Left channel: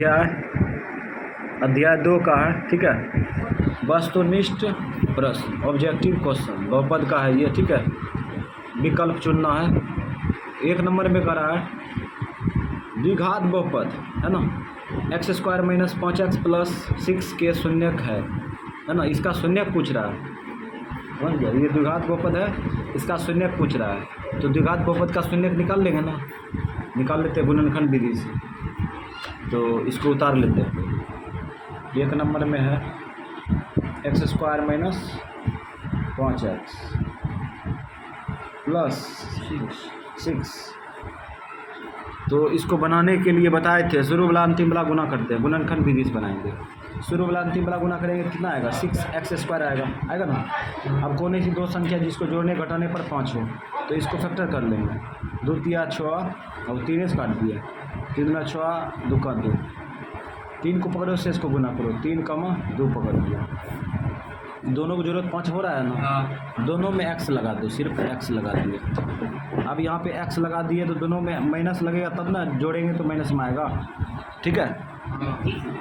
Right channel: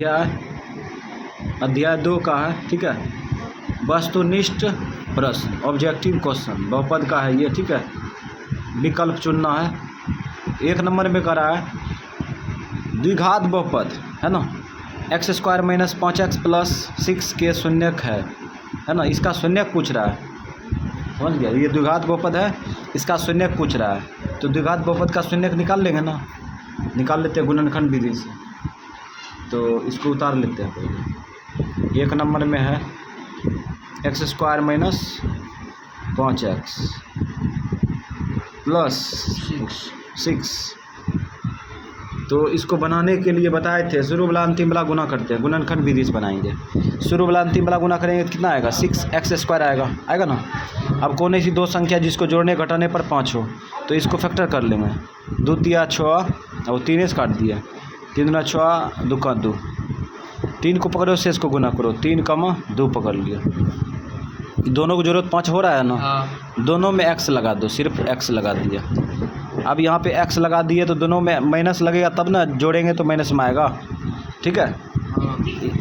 क्या है, अध्याय 2 का है। ठीक है, वस्तुनिष्ठ प्रश्न, ऑब्जेक्टिव क्वेश्चन, बहुपद का है ये। ठीक है, विकल्प चुनना है। 1 नंबर में करा है द्विघात बहुपद, है ना, x² - 5x + 6 के शून्यक है ना, इसका शून्यक पूछ रहा है। समझ गया, ये द्विघात बहुपद है, इसका शून्यक पूछ रहा है। तो द्विघात बहुपद का शून्यक निकाल लेंगे ना, निकाल लेते हैं गुणनखंड विधि से। तो इसको उतार लेते हैं पहले। 1 नंबर में है x² - 5x + 6। तो इसको बनाने के लिए बताए थे, शुरू वाला अंतिम वाला गुना करते हैं, गुणनखंड विधि से बनाएंगे। शुरू वाला अंतिम वाला गुना करेंगे तो कितना आएगा, 6x² आएगा ना। अब कौन सी दो संख्या जिसको जोड़ने घटाने पर 5 हो, तो इसको फैक्टर कर लेंगे। 2 × 6, और 3 से काट दिया, 3 × 6 2 × 2, 3 को पकड़ो, शेष को गुना करो, 3 × 2 पकड़ लिया। दोनों को जरूरत 5 हो रहा है ना, दोनों में x लगा दो, सिर्फ x लगा दिया। अब यहाँ पे x लगा दिए तो दोनों में माइनस लगेगा, तब ना जोड़ेंगे तो माइनस में आएगा। ठीक है,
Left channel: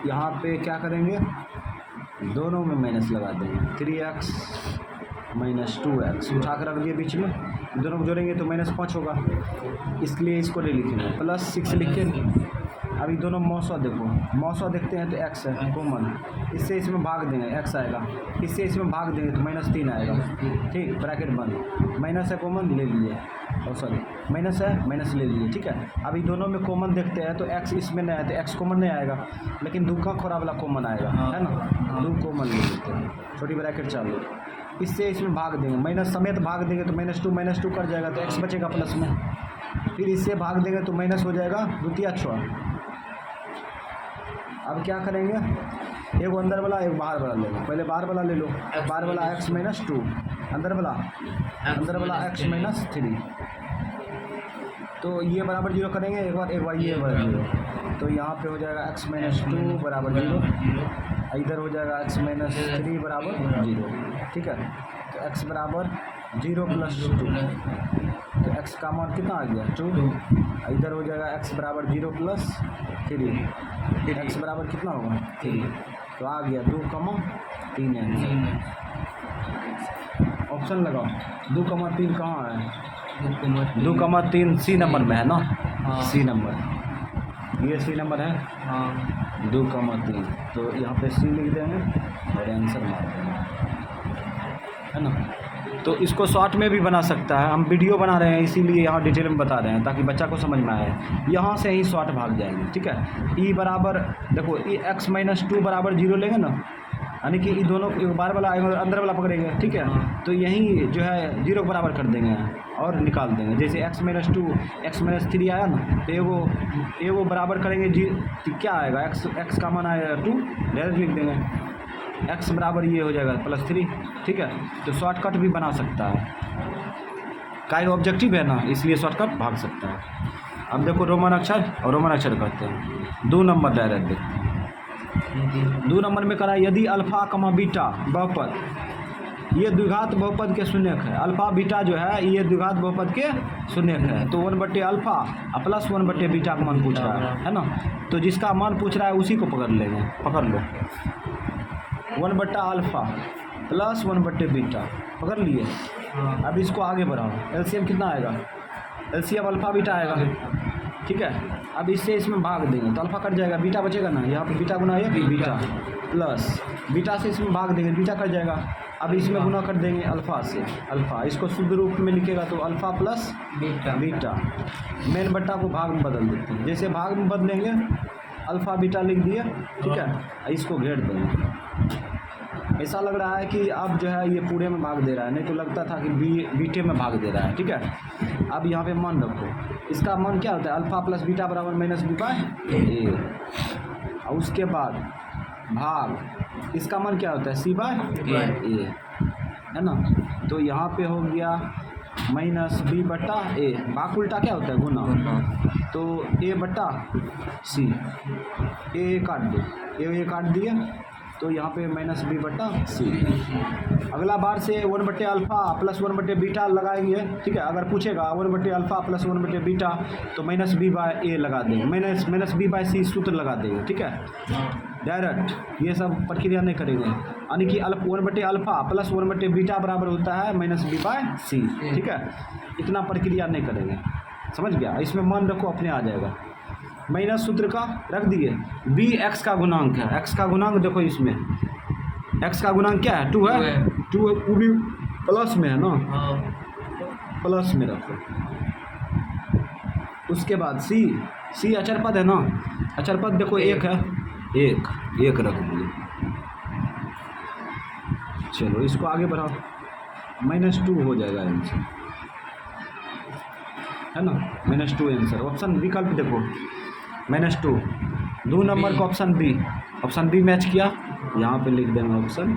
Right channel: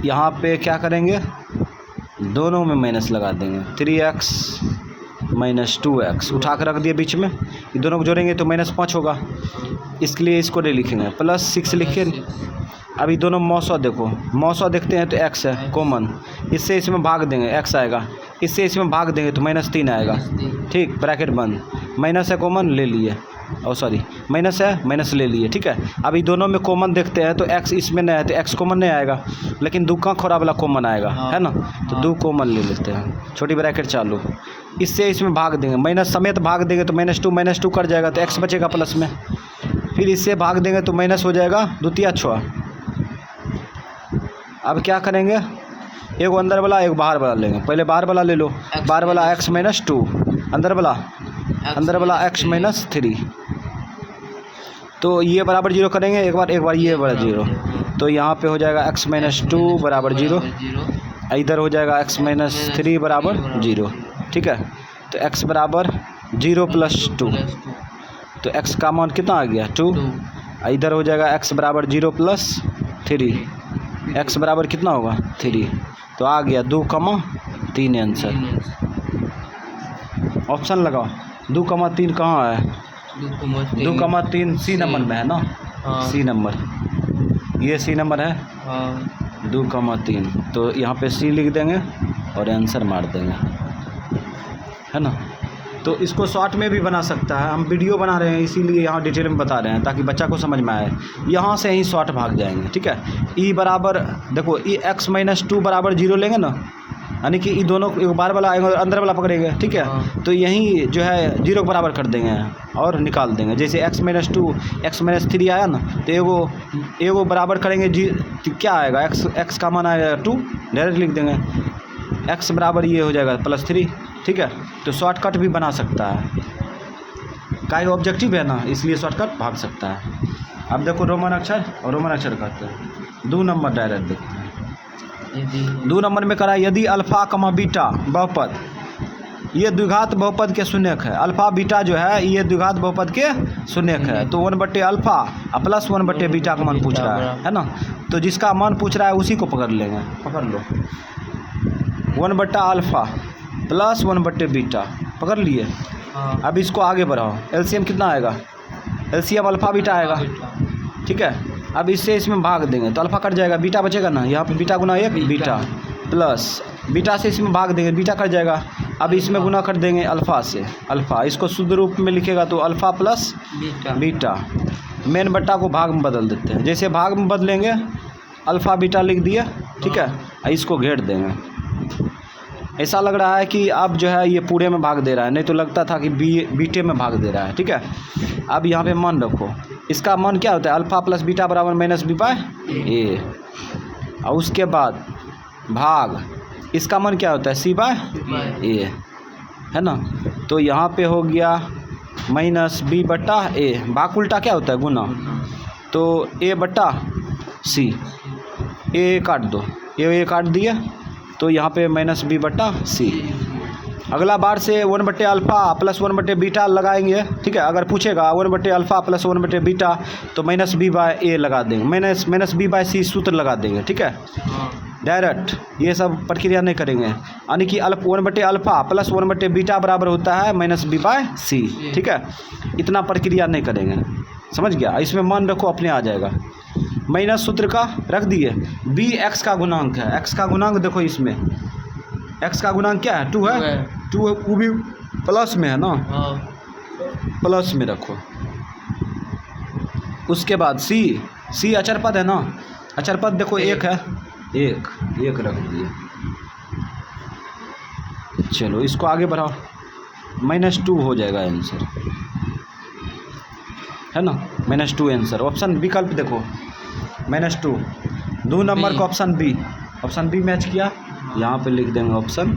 यहाँ पे क्या करेंगे, दोनों में माइनस लगा देंगे। 3x - 2x उठा कर रख दिए बीच में, दोनों को जोड़ेंगे तो -5 होगा, इसके लिए इसको नहीं लिखेंगे, +6 लिखें। अभी दोनों मौसा देखो, मौसा देखते हैं तो x है कॉमन, इससे इसमें भाग देंगे x आएगा, इससे इसमें भाग देंगे तो -3 आएगा। ठीक, ब्रैकेट बंद, माइनस है कॉमन ले लिए, और सॉरी माइनस है, माइनस ले लिए। ठीक है, अभी दोनों में कॉमन देखते हैं तो x इसमें नहीं है तो x कॉमन नहीं आएगा, लेकिन 2 का खोरा वाला कॉमन आएगा, है ना, तो 2 कॉमन ले लेते हैं, छोटी ब्रैकेट चालू। इससे इसमें भाग देंगे, माइनस समेत भाग देंगे तो -2 कट जाएगा तो x बचेगा प्लस में, फिर इससे भाग देंगे तो माइनस हो जाएगा 2 × 6। अब क्या करेंगे, एक अंदर वाला एक बाहर वाला लेंगे, पहले बाहर वाला ले लो, बाहर वाला x - 2, अंदर वाला x - 3। तो ये बराबर 0 करेंगे, एक बार ये बराबर 0, तो यहाँ पे हो जाएगा x - 2 बराबर 0, इधर हो जाएगा x - 3 बराबर 0। ठीक है, तो x बराबर 0 + 2, तो x का मान कितना आ गया 2, इधर हो जाएगा x बराबर 0 + 3, x बराबर कितना होगा 3, तो आ गया 2, 3 आंसर। ऑप्शन लगाओ, 2, 3 कहाँ है, 2, 3 सी नंबर में है ना, सी नंबर, ये सी नंबर है, 2, 3, तो यहाँ पे सी लिख देंगे और आंसर मार देंगे, है ना। तो इसको शॉर्ट में भी बना सकता है, हम वीडियो बना रहे हैं इसीलिए यहाँ डिटेल में बता रहे हैं ताकि बच्चा को समझ में आए। यहाँ से ही शॉर्ट भाग जाएंगे। ठीक है, ई बराबर देखो, ई x - 2 बराबर 0 लेंगे ना, यानी कि ये दोनों एक बाहर वाला आएगा और अंदर वाला पकड़ेंगे। ठीक है, तो यहीं जो है 0 के बराबर कर देंगे और निकाल देंगे। जैसे x - 2 x - 3 आया ना, तो एगो बराबर करेंगे तो क्या आएगा, x का मान आएगा 2, डायरेक्ट लिख देंगे, x बराबर ये हो जाएगा +3। ठीक है, तो शॉर्टकट भी बना सकता है, का ऑब्जेक्टिव है ना, इसलिए शॉर्टकट भाग सकता है। अब देखो रोमन अक्षर और रोमन अक्षर कहते हैं। 2 नंबर डायरेक्ट देखते हैं। 2 नंबर में करा, यदि अल्फ़ा, बीटा बहुपद, ये द्विघात बहुपद के शून्यक है। अल्फ़ा बीटा जो है ये द्विघात बहुपद के शून्यक है, तो 1/α + 1/बीटा का मान पूछ रहा है ना, तो जिसका मान पूछ रहा है उसी को पकड़ लेंगे, पकड़ लो, 1/α + 1/बीटा पकड़ लिए। अब इसको आगे बढ़ाओ, एलसीएम कितना आएगा, एलसीएम अल्फ़ा बीटा आएगा। ठीक है, अब इससे इसमें भाग देंगे तो अल्फ़ा कट जाएगा, बीटा बचेगा ना, यहाँ पे बीटा गुना 1 बीटा प्लस बीटा से इसमें भाग देंगे, बीटा कट जाएगा। अब इसमें गुना कर देंगे अल्फ़ा से, अल्फ़ा, इसको शुद्ध रूप में लिखेगा तो अल्फ़ा + बीटा, मेन बट्टा को भाग में बदल देते हैं, जैसे भाग में बदलेंगे अल्फ़ा बीटा लिख दिए। ठीक है, इसको घेर देंगे। ऐसा लग रहा है कि अब जो है ये पूरे में भाग दे रहा है, नहीं तो लगता था कि बीटे में भाग दे रहा है। ठीक है, अब यहाँ पे मान रखो, इसका मान क्या होता है, अल्फ़ा + बीटा बराबर -b/a, और उसके बाद भाग, इसका मान क्या होता है c/a, है ना। तो यहाँ पे हो गया -b/a, भाग उल्टा क्या होता है गुना, तो a/c, a काट दो, a काट दिए, तो यहाँ पे -b/c, अगला बार से 1/अल्फ़ा प्लस 1/बीटा लगाएंगे, ठीक है। अगर पूछेगा 1/अल्फ़ा प्लस 1/बीटा तो -b/a लगा देंगे, -b/c सूत्र लगा देंगे, ठीक है। डायरेक्ट ये सब प्रक्रिया नहीं करेंगे, यानी कि 1/अल्फ़ा प्लस 1/बीटा बराबर होता है -b/c, ठीक है। इतना प्रक्रिया नहीं करेंगे, समझ गया। इसमें मान रखो, अपने आ जाएगा। माइनस सूत्र का रख दिए, b x का गुणांक है, x का गुणांक देखो, इसमें x का गुणांक क्या है, 2 है, 2 वो भी प्लस में है ना, प्लस में रखो। उसके बाद c अचर पद है ना, अचर पद देखो 1 है, 1 रख दिए। चलो इसको आगे बढ़ाओ, -2 हो जाएगा आंसर, है ना, -2 आंसर। ऑप्शन विकल्प देखो, -2 2 नंबर का ऑप्शन बी मैच किया, यहाँ पे लिख देंगे ऑप्शन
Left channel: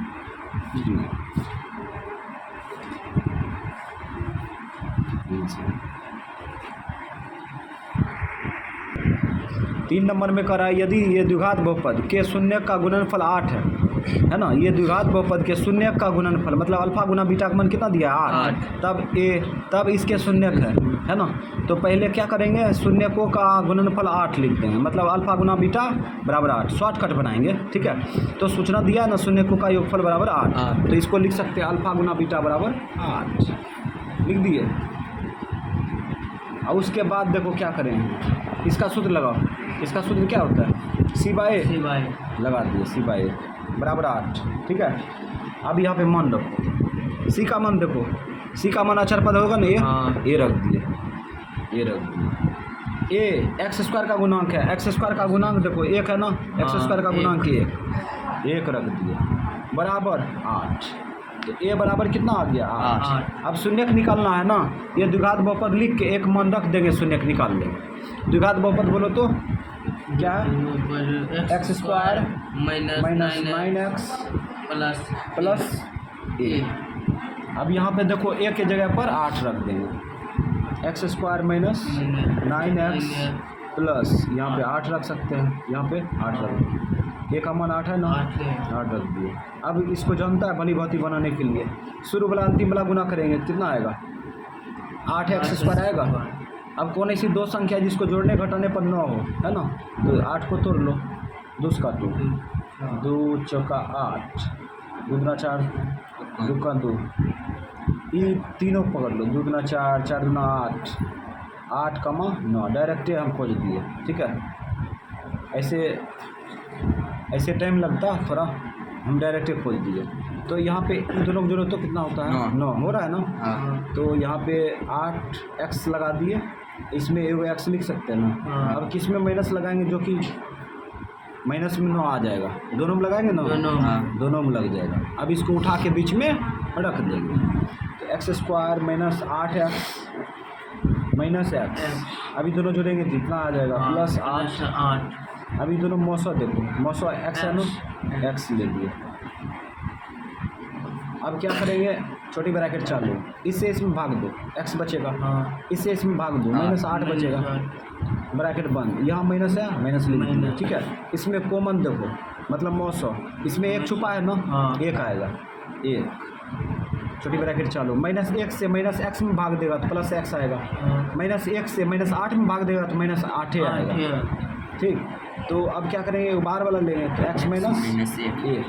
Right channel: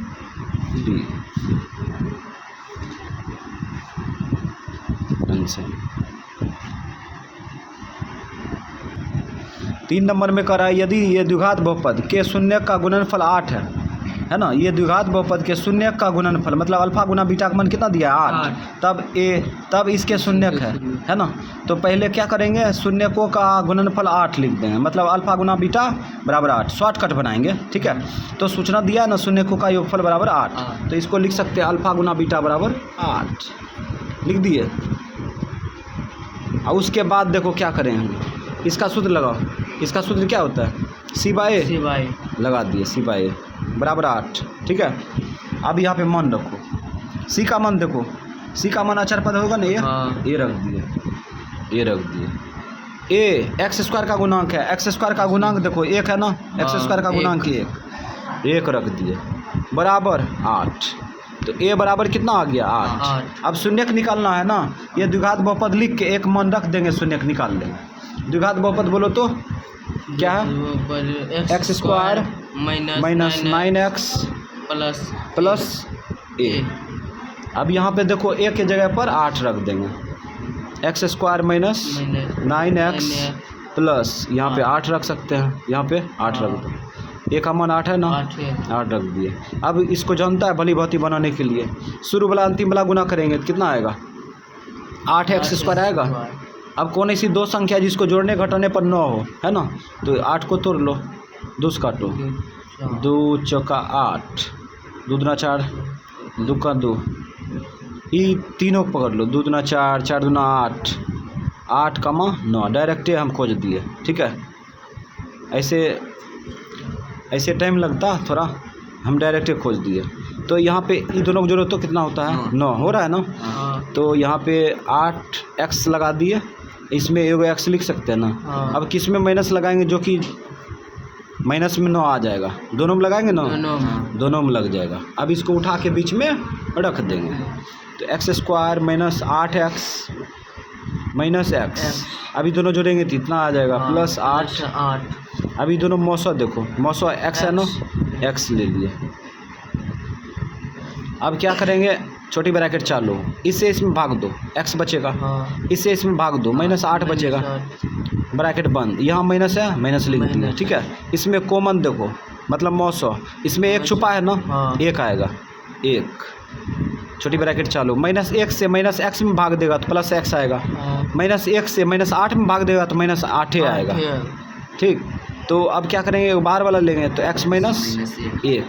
बी आंसर। 3 नंबर में कह रहा है, यदि ये द्विघात बहुपद के शून्य का गुणनफल 8 है ना, ये द्विघात बहुपद के शून्य का गुणनफल मतलब अल्फा गुना बीटा का मान कितना दिया, 8, तब इसके शून्यक है ना। तो पहले क्या करेंगे, शून्यकों का गुणनफल 8 लिख देंगे, मतलब अल्फा गुना बीटा बराबर 8, शॉर्टकट बनाएंगे, ठीक है। तो सूचना दिया है ना, शून्यकों का योगफल बराबर 8, तो इसको लिख सकते हैं अल्फा गुना बीटा बराबर 8, लिख दिए। और उसके बाद देखो क्या करेंगे, इसका सूत्र लगाओ, इसका सूत्र क्या होता है, c/a लगा दिए, c/a बराबर 8, ठीक है। अब यहाँ पे मान रखो, c का मान देखो, c का मान अचर पद होगा ना, a रख दिए, a x² का गुणांक है, x² का गुणांक देखो 1 है ना, x² का गुणांक 1 रख दिए बराबर 8। तो a बराबर कितना आ गया, 8। अब शून्यक निकालना है ना, ये द्विघात बहुपद लिख के एक मान रख देंगे, शून्यक निकाल लेंगे। द्विघात बहुपद बोलो तो क्या है, x² minus 9x plus a। अब यहाँ पे देखो a के जगह पर 8 रख देंगे, x² माइनस 9x प्लस यहाँ पे 8 रख सकते हैं, यहाँ पे 8 रख देंगे, a का मान 8 है ना, 8 रख दिए। अब इसको जानता है भली भांति बनाने के लिए, शुरू वाला अंतिम वाला गुना करेंगे तो कितना आएगा, 8x² आएगा। अब कौन ऐसी दो संख्या जिसको जोड़ने घटाने पर 9 हो, है ना, तो 8 को तोड़ लो, 2 से काटो, 2 चौका 8, 2 दूना 4, 2 का 2, ये तीनों को पकड़ लो, 2 दूना 4, 4 दूना 8, 8 कमा 9, डायरेक्ट हम खोज दिए, ठीक है। ऐसे टाइम लगता थोड़ा, हम डायरेक्ट खोज दिए। तो यहाँ पे इन दोनों को जोड़ो तो कितना होता है, 9 हो रहा है ना। तो यहाँ पे 8x लगा दिए, इसमें एगो x लिख सकते हैं ना। अब किस में माइनस लगाएंगे, जो कि माइनस में 9 आ जाएगा, दोनों में लगाएंगे ना, दोनों में लग जाएगा। अब इसको उठा के बीच में रख देंगे, तो x² minus 8x minus x, अभी दोनों जोड़ेंगे तो इतना आ जाएगा प्लस 8। अभी दोनों मौसो देखो, मौसो x है ना, x ले लिए। अब क्या करेंगे, छोटी ब्रैकेट चालू, इससे इसमें भाग दो, x बचेगा, इससे इसमें भाग दो, -8 बचेगा, ब्रैकेट बंद। यहाँ माइनस है, माइनस लिख दिया, ठीक है। इसमें कॉमन देखो, मतलब मौसो, इसमें 1 छुपा है ना, 1 आएगा, 1, छोटी ब्रैकेट चालू, -1 से -x में भाग देगा तो +x आएगा, -1 से -8 में भाग देगा तो -8 आएगा, ठीक। तो अब क्या करेंगे, बाहर वाला लेंगे तो x - 1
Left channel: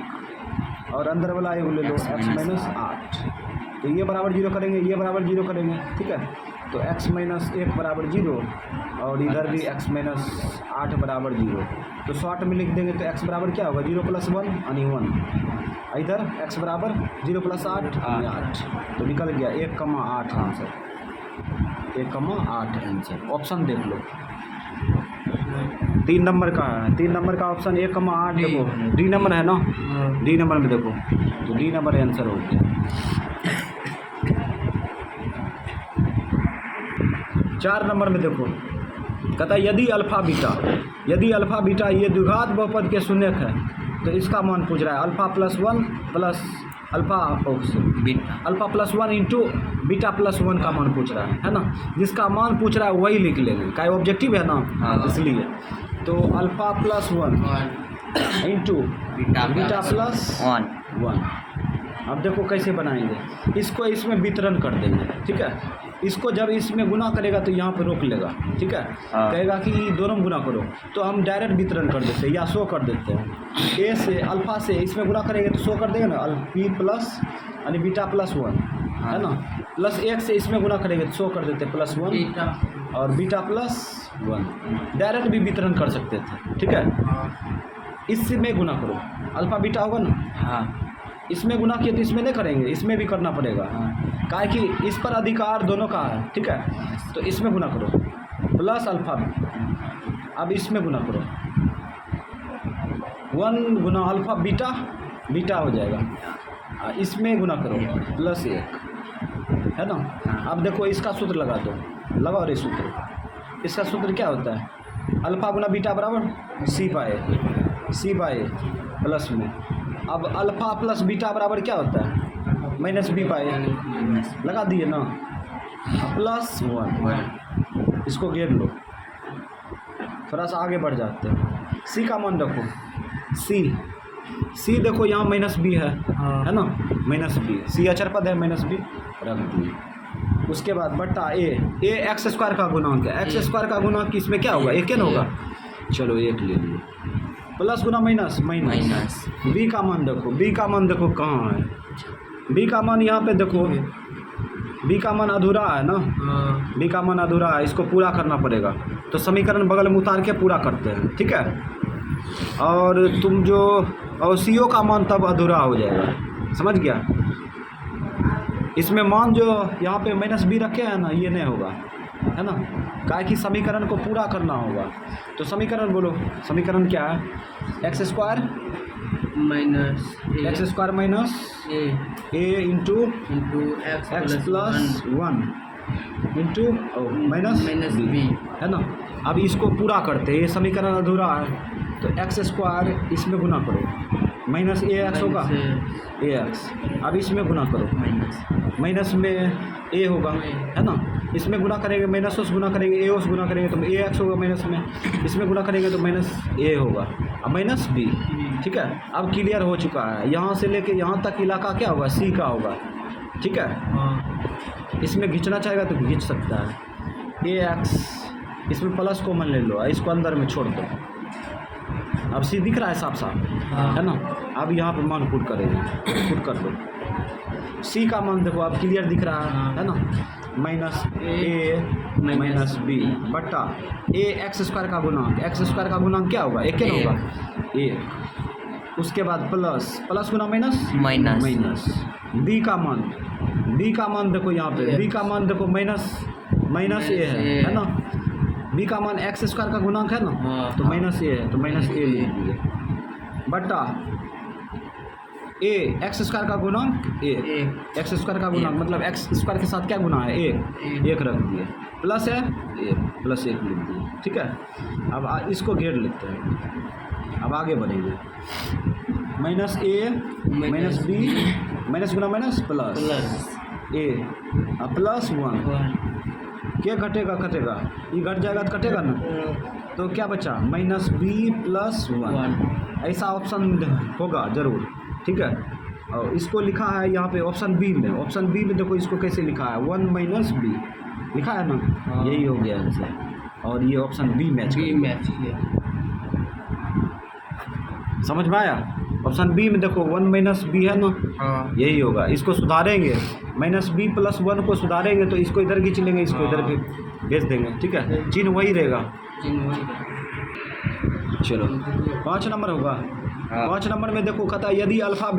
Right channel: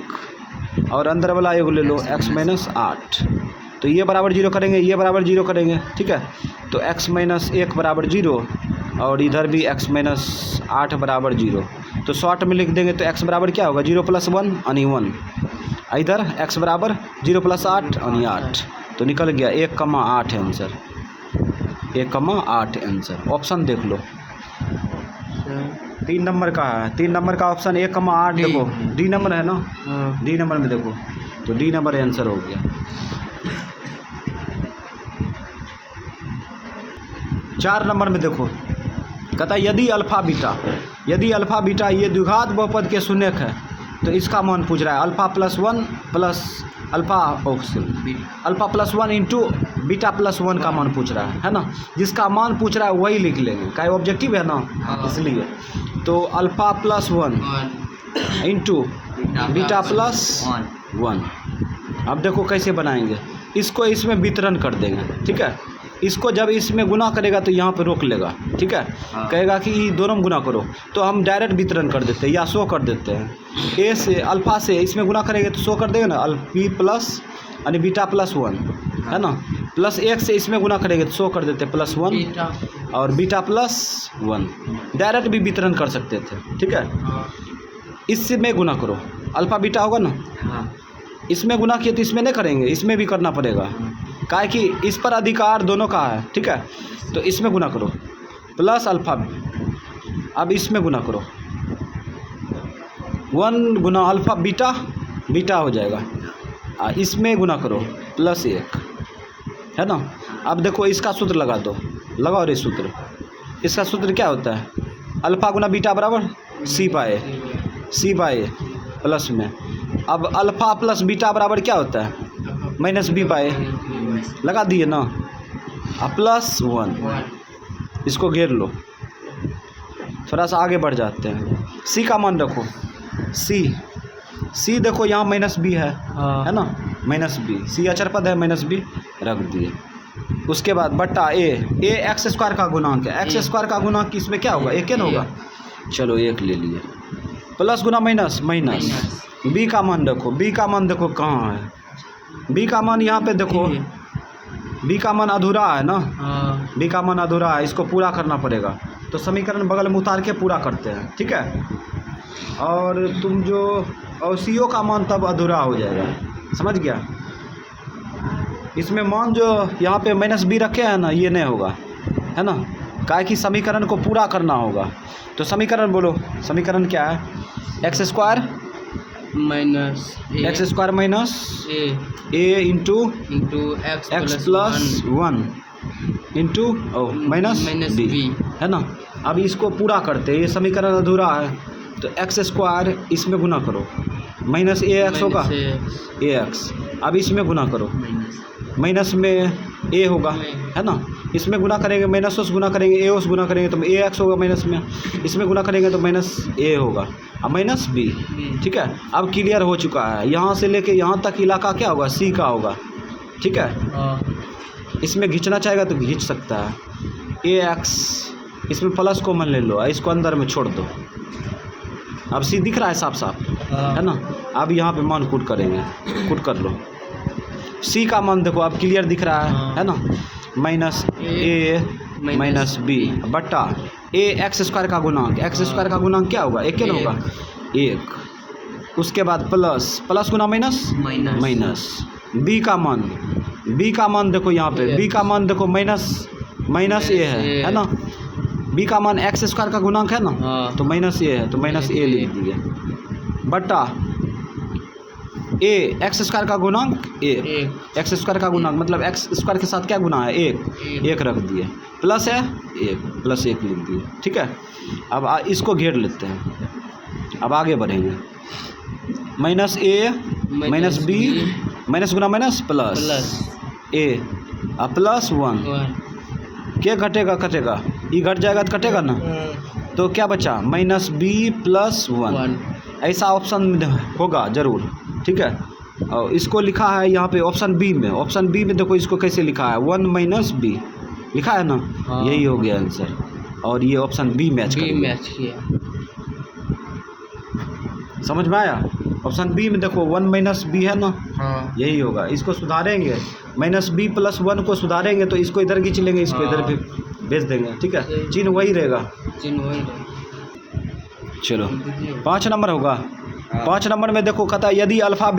और अंदर वाला एक ले लो, x - 8। तो ये बराबर 0 करेंगे, ये बराबर 0 करेंगे, ठीक है। तो x - 1 बराबर 0 और इधर भी x - 8 बराबर 0। तो शॉर्ट में लिख देंगे तो x बराबर क्या होगा, 0 + 1 यानी 1, इधर x बराबर 0 + 8 यानी 8। तो निकल गया 1,8 आंसर, 1,8 आंसर। ऑप्शन देख लो, 3 नंबर का है, 3 नंबर का ऑप्शन 1,8 देखो, डी नंबर है ना, डी नंबर में देखो, तो डी नंबर आंसर हो गया। 4 नंबर में देखो, कहता यदि अल्फा बीटा ये द्विघात बहुपद के शून्यक है तो इसका मान पूछ रहा है, alpha + 1 plus alpha + 1 into beta + 1 का मान पूछ रहा है ना। जिसका मान पूछ रहा है वही लिख लेंगे, का ऑब्जेक्टिव है ना, इसलिए। तो अल्फा + 1 इंटू बीटा + 1 अब देखो कैसे बनाएंगे, इसको इसमें वितरण कर देंगे, ठीक है। इसको जब इसमें गुना करेगा तो यहाँ पे रोक लेगा, ठीक है। कहेगा कि ये दोनों में गुना करो, तो हम डायरेक्ट वितरण कर देते हैं या शो कर देते हैं। ए से अल्फ़ा से इसमें गुना करेंगे तो शो कर देगा ना, बी प्लस यानी बीटा प्लस 1, है ना। प्लस 1 से इसमें गुना करेंगे तो शो कर देते हैं प्लस 1 और बीटा प्लस 1। डायरेक्ट भी वितरण कर सकते थे, ठीक है। इसमें गुना करो, अल्फ़ा बीटा होगा ना, इसमें गुना किए तो इसमें नहीं करेंगे, इसमें भी करना पड़ेगा, काहे कि इस पर अधिकार दोनों का है, ठीक है। तो इसमें गुना करो प्लस अल्फ़ा, अब इसमें गुना करो 1 गुना अल्फ़ा बीटा, बीटा हो जाएगा। इसमें गुना करो प्लस 1, है ना। अब देखो इसका सूत्र लगा दो, लगाओ रे सूत्र। इसका सूत्र क्या होता है, अल्फ़ा गुना बीटा बराबर सी बाय ए प्लस में। अब अल्फ़ा प्लस बीटा बराबर क्या होता है, माइनस बी बाय ए, लगा दिए ना। अब प्लस 1, इसको घेर लो, थोड़ा सा आगे बढ़ जाते हैं। सी का मान रखो, सी देखो यहाँ माइनस बी है ना, माइनस बी, सी अचर पद है, माइनस बी रख दिए। उसके बाद बट्टा ए एक्स स्क्वायर का गुणांक है, एक्स स्क्वायर का गुणांक इसमें क्या होगा, एक न होगा, चलो 1 ले लिए। प्लस गुना माइनस, बी का मान देखो, बी का मान देखो कहाँ है, बी का मान यहाँ पे देखो, बी का मान अधूरा है ना, बी का मान अधूरा है, इसको पूरा करना पड़ेगा। तो समीकरण बगल में उतार के पूरा करते हैं, ठीक है। और तुम जो और सी ओ का मान तब अधूरा हो जाएगा, समझ गया। इसमें मान जो यहाँ पे माइनस बी रखे हैं ना, ये नहीं होगा, है ना, काहे कि समीकरण को पूरा करना होगा। तो समीकरण बोलो, समीकरण क्या है, x square minus a into x plus 1 into minus b, है ना। अब इसको पूरा करते हैं, ये समीकरण अधूरा है, तो एक्स स्क्वायर इसमें गुना करो, माइनस ए एक्स होगा, ए एक्स। अब इसमें गुना करो, माइनस में ए होगा, है ना। इसमें गुना करेंगे, माइनस से गुना करेंगे, ए से गुना करेंगे तो ए एक्स होगा माइनस में, इसमें गुना करेंगे तो माइनस ए होगा, अब माइनस बी, ठीक है। अब क्लियर हो चुका है, यहाँ से लेके यहाँ तक इलाका क्या होगा, सी का होगा, ठीक है। इसमें खींचना चाहेगा तो खींच सकता है, ए एक्स, इसमें प्लस कॉमन ले लो, इसको अंदर में छोड़ दो। अब सी दिख रहा है साफ साफ, है ना। अब यहाँ पे मान पुट करेंगे, पुट कर लो। सी का मान देखो अब क्लियर दिख रहा है ना, माइनस ए माइनस बी बट्टा ए एक्स स्क्वायर का गुणांक, एक्स स्क्वायर का गुणांक क्या होगा, एक ना होगा, 1। उसके बाद प्लस गुना माइनस बी का मान देखो यहाँ पे, बी का मान देखो माइनस ए है ना। बी का मान एक्स स्क्वायर का गुणांक है ना, तो माइनस ए है, तो माइनस ए लिख दिए बट्टा ए एक्स स्क्वायर का गुणांक एक्स स्क्वायर का गुणांक मतलब एक्स स्क्वायर के साथ क्या गुना है, 1 रख दिए, प्लस है 1 प्लस 1 लिख दिए, ठीक है। अब इसको घेर लेते हैं, अब आगे बढ़ेंगे। माइनस ए माइनस बी माइनस गुना माइनस प्लस ए अब प्लस 1 क्या कटेगा, ये घट जाएगा तो कटेगा ना, तो क्या बचा माइनस बी प्लस 1, ऐसा ऑप्शन होगा ज़रूर, ठीक है। और इसको लिखा है यहाँ पे ऑप्शन बी में देखो इसको कैसे लिखा है, 1 माइनस बी लिखा है ना, यही हो गया आंसर। और ये ऑप्शन बी मैच किया, समझ में आया। ऑप्शन बी में देखो 1 माइनस बी है ना, यही होगा। इसको सुधारेंगे, माइनस बी प्लस 1 को सुधारेंगे तो इसको इधर खींच लेंगे, इसको इधर भी भेज देंगे, ठीक है, चिन्ह वही रहेगा। चलो 5 नंबर होगा। 5 नंबर में देखो कहता है यदि अल्फ़ा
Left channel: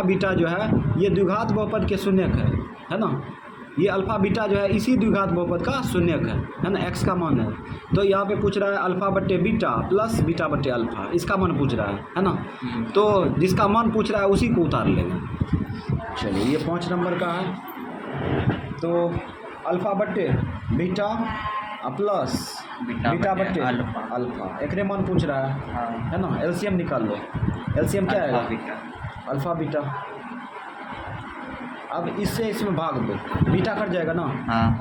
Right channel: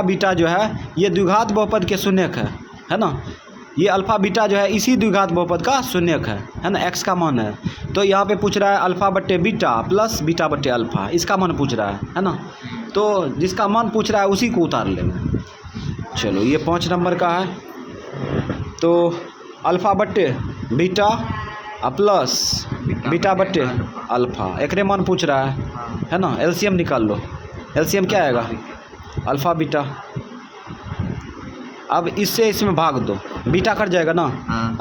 बीटा जो है ये द्विघात बहुपद के शून्यक है ना, ये अल्फ़ा बीटा जो है इसी द्विघात बहुपद का शून्यक है ना, एक्स का मान है। तो यहाँ पे पूछ रहा है अल्फ़ा बट्टे बीटा प्लस बीटा बट्टे अल्फ़ा, इसका मान पूछ रहा है ना। तो जिसका मान पूछ रहा है उसी को उतार लेंगे। चलो ये 5 नंबर का है। तो अल्फ़ा बट्टे बीटा प्लस बीटा बट्टे अल्फ़ा, एक मान पूछ रहा है ना। एलसीएम निकाल लो, एलसीएम क्या आएगा, अल्फ़ा बीटा। अब इससे इसमें भाग दो, बीटा कट जाएगा ना,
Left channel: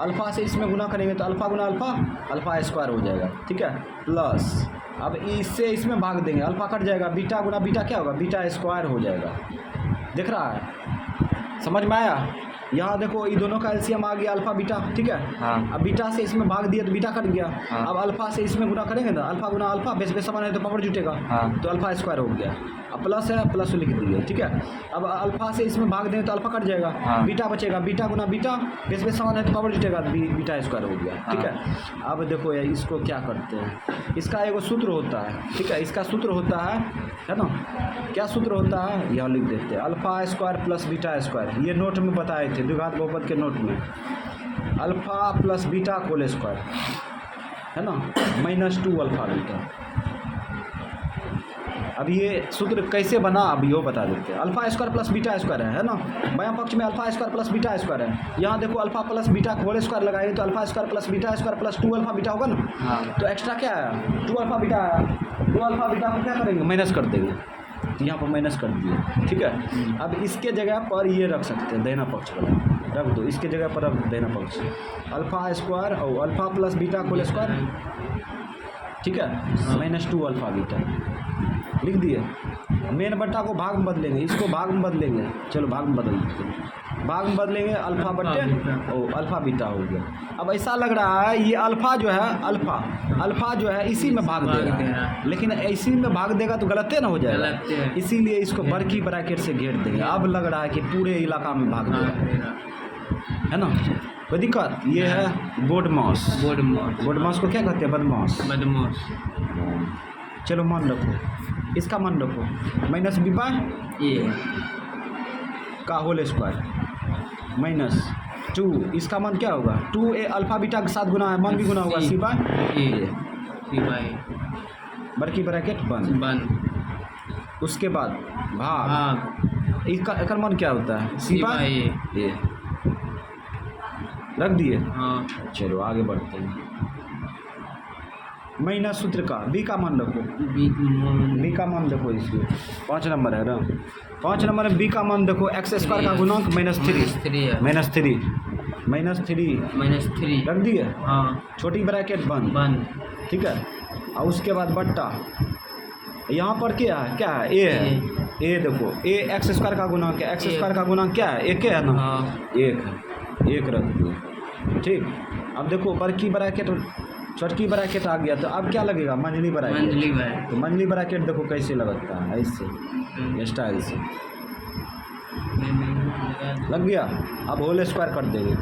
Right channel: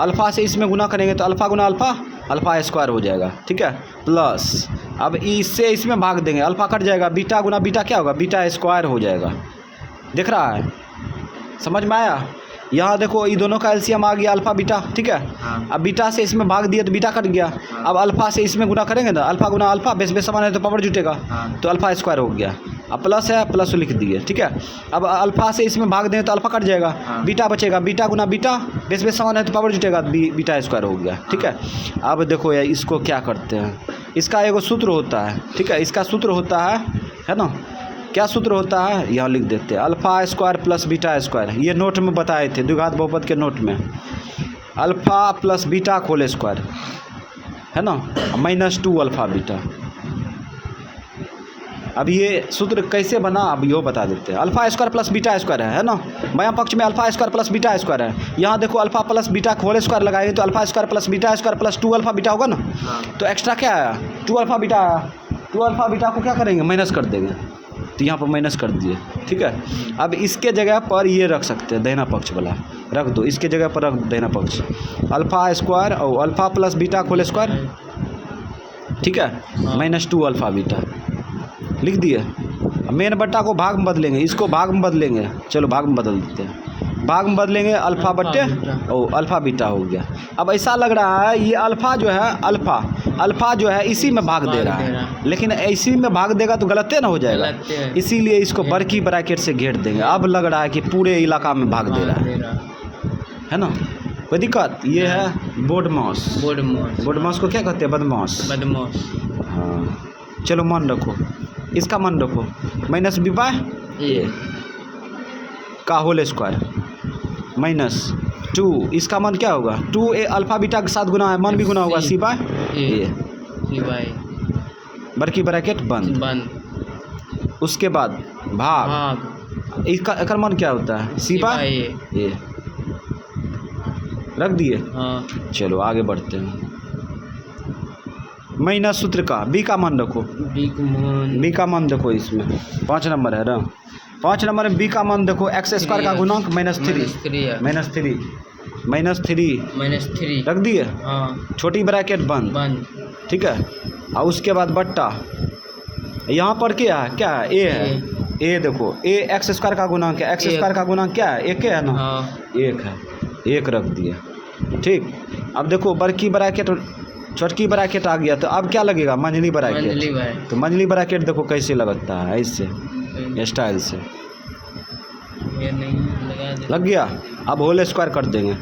अल्फ़ा से इसमें गुना करेंगे तो अल्फ़ा गुना अल्फ़ा स्क्वायर हो जाएगा, ठीक है, प्लस अब इससे इसमें भाग देंगे, अल्फ़ा कट जाएगा, बीटा गुना बीटा क्या होगा, बीटा स्क्वायर हो जाएगा। दिख रहा है, समझ में आया। यहाँ देखो ये दोनों का एलसीएम आ गया अल्फा बीटा, ठीक है। हाँ। अब बीटा से इसमें भाग दिया तो बीटा कट गया। हाँ। अब अल्फा से इसमें गुना करेंगे ना, अल्फा गुना अल्फा, बेस बेस समान है तो पावर जुटेगा। हाँ। तो अल्फा स्क्वायर हो गया। अब प्लस है, प्लस लिख दिए, ठीक है। अब अल्फा से इसमें भाग दें तो अल्फा कट जाएगा। हाँ। बीटा बचेगा, बीटा गुना बीटा, बेस बेस समान है तो पावर जुटेगा, बीटा स्क्वायर हो गया, ठीक है। अब देखो यार इसको क्या करते हैं, इसका एगो सूत्र होता है, ठीक है। इसका सूत्र होता है ना, क्या सूत्र होता है यहाँ लिख देते हैं, alpha square plus beta square. ये नोट में बताए थे, द्विघात बहुपद के नोट में, alpha plus beta whole square, है ना, -2 अल्फा बीटा। अब ये सूत्र कैसे बना अब यो बता देते हैं। Alpha square plus beta square है ना, बायां पक्ष में alpha square plus beta square है। यहाँ देखो alpha plus beta whole square लगाएंगे तो alpha square plus beta square plus 2 alpha beta होगा ना। हाँ। तो एक्स्ट्रा क्या आया, 2 अल्फा बीटा आया। 2 अल्फा बीटा को क्या करेंगे, माइनस कर देंगे, तो यहाँ पर माइनस कर दिए, ठीक है। अब इसके जगह पर ये रख सकते हैं, दाहिना पक्ष वाला रख दो, इसके जगह पर रख दो दाहिना पक्ष, अल्फा स्क्वायर और alpha plus beta whole square, ठीक है, -2 अल्फा बीटा लिख दिए। मेन बट्टा को भाग में बदलेंगे, इसको भाग में बदलेंगे, चलो भाग में बदल देते हैं, भाग में बदलेंगे अल्फा बट्टे और अल्फा बीटा हो गया। अब ऐसा लग रहा है ये अल्फा जो है, अल्फा जो है इसी में भाग दे रहा है, लेकिन इसी में भाग देगा तो गलत ना हो जाएगा, इसीलिए इसको बड़की ब्रैकेट से घेर देंगे। अब लग रहा है कि पूरे इलाका में भाग दे रहा है ना, कोई दिक्कत। ये है बोर्ड माउस को क्या कहते हैं, बदमाश। हाँ, चलो मन रखो, इसका मन रखो, -b/a का होल स्क्वायर -2, इसका मान क्या होगा, 2a अल्फा बीटा के साथ गुना है, मान भी गुना होगा, c/a, बड़की ब्रैकेट बंद। उसके बाद भाग, इसका एकर मान क्या होता है, c/a रख दिए। चलो आगे बढ़ते हैं, माइनस सूत्र का b का मान रखो, b का मान देखो, इसमें 5 नंबर है ना, 5 नंबर में b का मान देखो, x स्क्वायर का गुणांक -3 रख दिए। छोटी ब्रैकेट बंद, ठीक है। और उसके बाद बट्टा, यहाँ पर क्या है, a है, a देखो, a x स्क्वायर का गुणांक है, x स्क्वायर का गुणांक क्या है, 1 है ना, 1 है, 1 रख दिए, ठीक। अब देखो बड़की ब्रैकेट छोटकी ब्रैकेट आ गया, तो अब क्या लगेगा, मंझली ब्रैकेट। तो मंझली ब्रैकेट देखो कैसे लगता है, ऐसे स्टाइल से लग गया। अब होल स्क्वायर कर देंगे,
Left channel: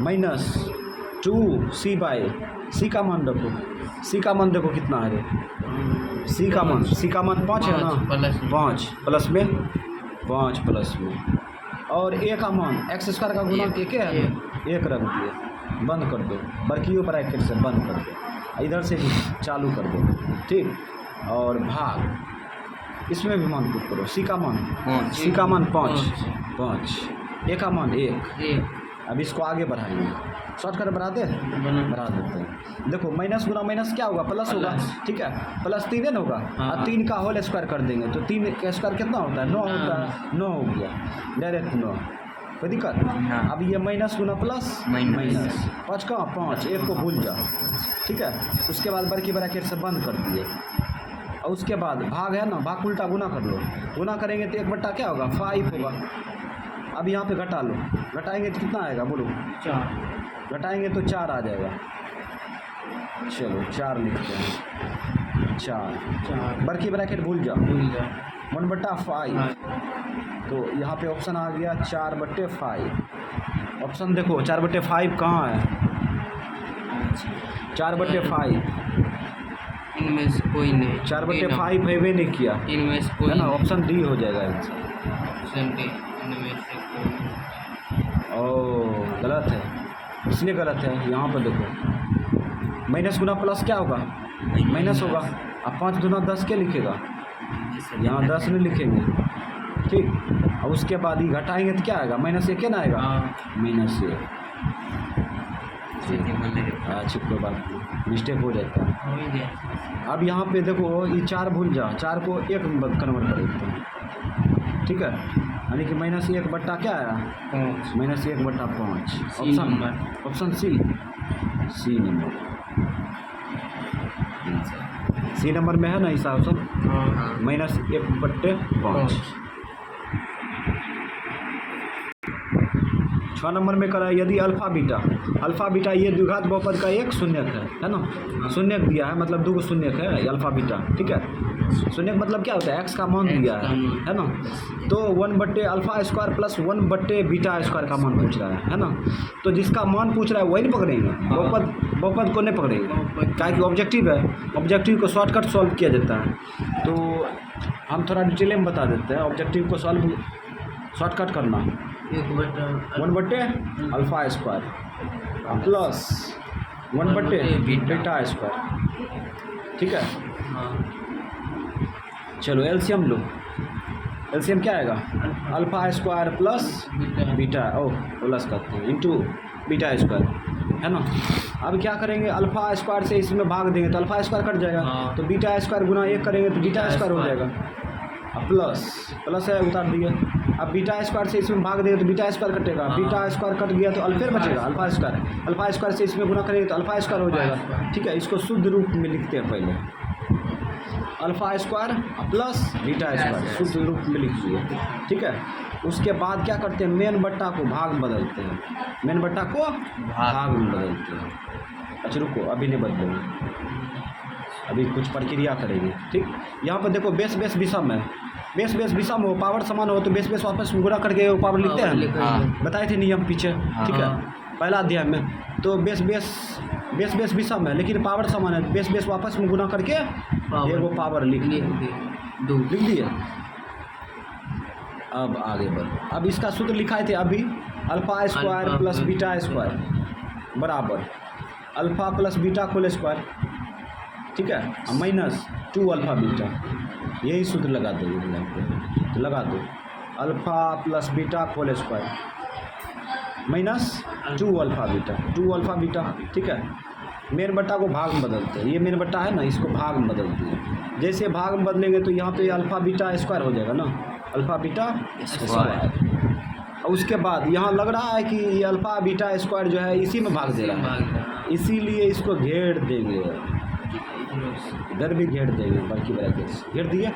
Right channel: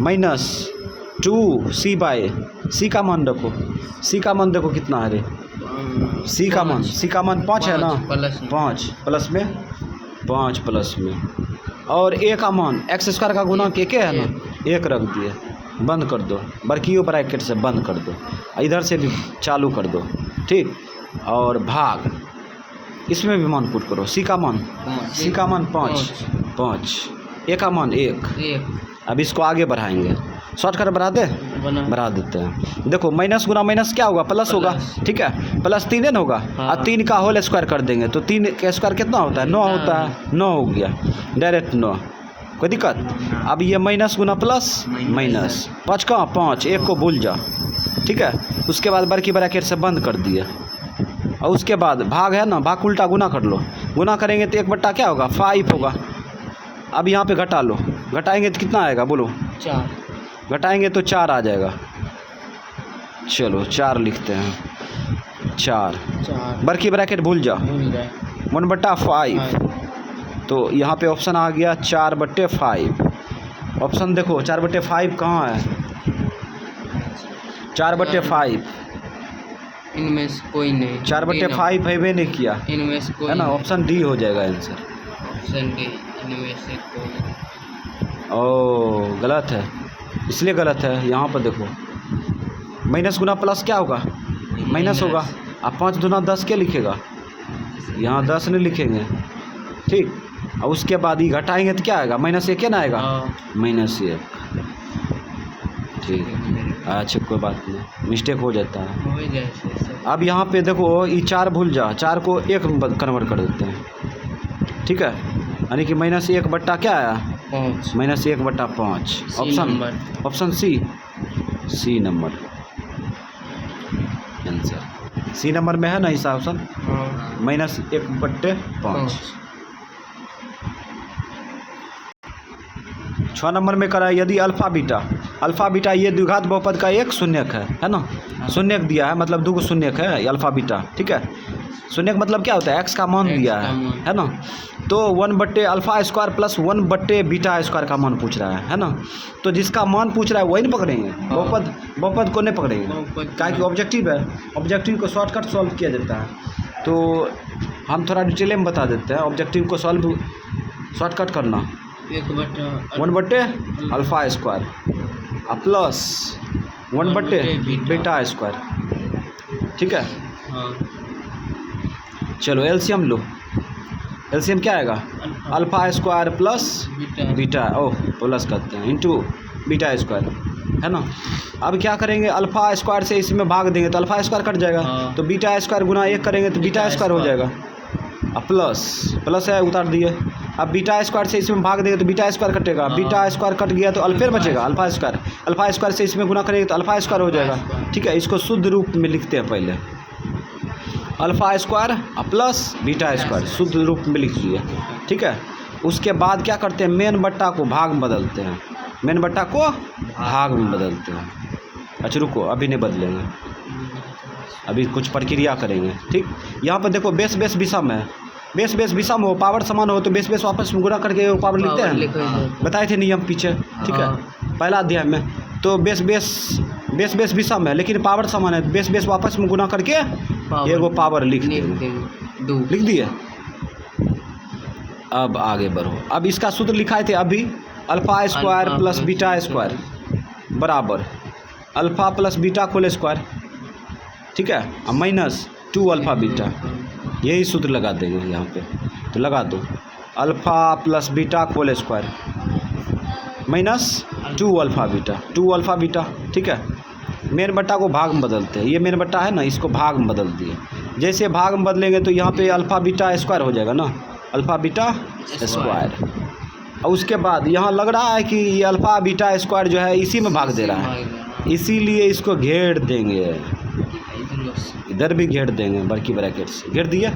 -2 c/a, का मान रखो, c का मान देखो कितना है रे, c का मान 5 है ना, 5 प्लस में 5 प्लस में, और a का मान x स्क्वायर का गुणांक 1 है ना, 1 रख दिए, बंद कर दो, बड़की ब्रैकेट से बंद कर दो, इधर से भी चालू कर दो, ठीक। और भाग, इसमें भी मान पुट करो, c का मान 5, a का मान 1। अब इसको आगे बढ़ाएंगे, शॉर्टकट बढ़ा देते हैं। देखो माइनस गुना माइनस क्या होगा, प्लस होगा, ठीक है, प्लस 3 न होगा, और 3 का होल स्क्वायर कर देंगे तो 3 का स्क्वायर कितना होता है, 9 होता है, 9 हो गया, डायरेक्ट 9, कोई दिक्कत। अब ये माइनस गुना प्लस माइनस, 5 का 5, 1 को भूल जा, ठीक है। उसके बाद बड़की ब्रैकेट से बंद कर दिए, और उसके बाद भाग है ना, भाग उल्टा गुना कर लो, गुना करेंगे तो 1 बट्टा क्या होगा, 5 होगा। अब यहाँ पे घटा लो, घटाएंगे तो कितना आएगा बोलो, 4, घटाएंगे तो 4 आ जाएगा। चलो 4 लिखते हैं, 4 बड़की ब्रैकेट भूल जा, 1/5। तो यहाँ पे ऑप्शन आ गया 4/5। ऑप्शन देखो 4/5 कहाँ है, 4/5 इनमें से कोई नहीं, 4/5 है नहीं किया, इनमें से कोई है ना, ऑप्शन डी हो जाएगा आंसर। ऑप्शन डी, इनमें से कोई। ओ गलत है, इसलिए गलत है, यहाँ पर देखो माइनस गुना प्लस क्या होगा, माइनस होगा। अब 5 दूना 10 क्या लिखेगा, यहाँ 10 नहीं लिखेंगे, ठीक। और उसके बाद ये घटाएंगे तो क्या आएगा, -1 ना आएगा, -1, ठीक। अच्छा कोई बात नहीं, मिस्टेक हो जाता है। अब यहाँ पे देखो ये 4 भूल जा, 4 को 1 में कन्वर्ट कर देते हैं, ठीक है, यानी कि -1 बट्टा क्या आया, -1/5। Option C number answer, C number में है ना इसका ऑप्शन, -1/5। 6 नंबर में करा है यदि अल्फ़ा बीटा ये द्विघात बहुपद का एक शून्यक है ना, शून्यक दिया है मतलब 2 शून्यक है अल्फ़ा बीटा, ठीक है। शून्यक मतलब क्या होता है, एक्स का मान दिया है ना, तो 1/अल्फ़ा² प्लस 1/बीटा² का मान पूछ रहा है ना, तो जिसका मान पूछ रहा है वही नहीं पकड़ेंगे, बहुपद को नहीं पकड़ेंगे, क्या कि ऑब्जेक्टिव है, ऑब्जेक्टिव को शॉर्टकट सॉल्व किया जाता है। तो हम थोड़ा डिटेल में बता देते हैं ऑब्जेक्टिव को सॉल्व शॉर्टकट करना, 1/अल्फ़ा² प्लस 1/बीटा², ठीक है। चलो एलसीएम लो, एलसीएम क्या आएगा, अल्फ़ा² प्लस बीटा प्लस करते हैं इंटू बीटा² है ना। अब क्या करेंगे, अल्फ़ा² से इसमें भाग देंगे तो अल्फ़ा² कट जाएगा, तो बीटा² गुना 1 करेंगे तो बीटा² हो जाएगा, प्लस है उतार दिए। अब बीटा² से इसमें भाग देंगे तो बीटा² कटेगा, बीटा² कट गया तो अल्फ़ा बचेगा, अल्फ़ा² से इसमें गुना करेंगे तो अल्फ़ा² हो जाएगा, ठीक है। इसको शुद्ध रूप में लिखते हैं पहले, अल्फ़ा² प्लस बीटा² शुद्ध रूप में लिख दिए, ठीक है। उसके बाद क्या करते हैं, मेन बट्टा को भाग में बदलते हैं, मेन बट्टा को भाग में बदलते हैं। अच्छा रुको, अभी नहीं बदलेंगे, अभी कुछ प्रक्रिया करेंगे, ठीक। यहाँ पर देखो बेस विषम है, बेस विषम हो, पावर समान हो तो बेस वापस गुणा करके पावर लिखते हैं, बताए थे नियम पीछे, ठीक है, पहला अध्याय में। तो बेस विषम है लेकिन पावर समान है, बेस वापस में गुना करके ये वो पावर लिख दिए। अब आगे बढ़ो, अब इसका सूत्र लिखाए थे अभी, अल्फ़ा² प्लस बीटा² बराबर alpha plus beta whole square, ठीक है, माइनस 2 अल्फ़ा बीटा, यही सूत्र लगा देंगे यहाँ पे, तो लगा दो alpha plus beta whole square minus 2 alpha beta, ठीक है। मेन बट्टा को भाग में बदलते हैं, ये मेन बट्टा है ना, इसको भाग में बदल दिए, जैसे भाग में बदलेंगे तो यहाँ पे अल्फ़ा बीटा² हो जाएगा ना, अल्फ़ा बीटा²। और उसके बाद यहाँ लग रहा है कि ये अल्फ़ा बीटा² जो है इसी में भाग दे रहा है, इसीलिए इसको घेर देंगे, इधर भी घेर देंगे, बड़की ब्रैकेट से घेर दिए।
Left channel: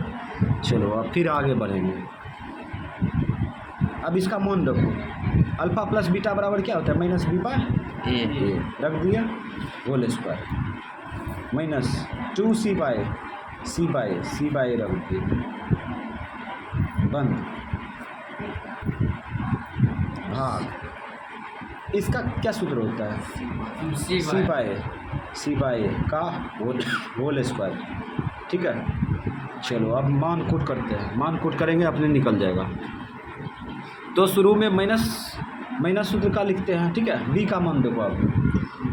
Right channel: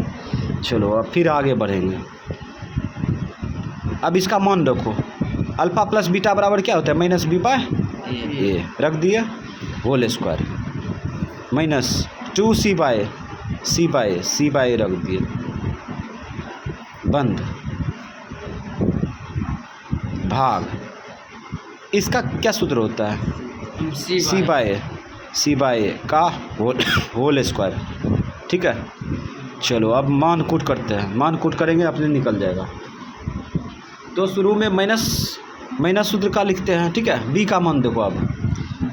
चलो अब फिर आगे बढ़ेंगे, अब इसका मान रखो, अल्फ़ा प्लस बीटा बराबर क्या होता है, माइनस b/a रख दिए होल स्क्वायर माइनस 2c/a रख दिए बंद भाग। इसका क्या सूत्र होता है, c/a का होल स्क्वायर, ठीक है। चलो अब मान कूट करते हैं, मान कूट करेंगे अपने निकल जाएगा। तो शुरू में माइनस सूत्र का लिखते हैं, ठीक है। b का मान देखो, अब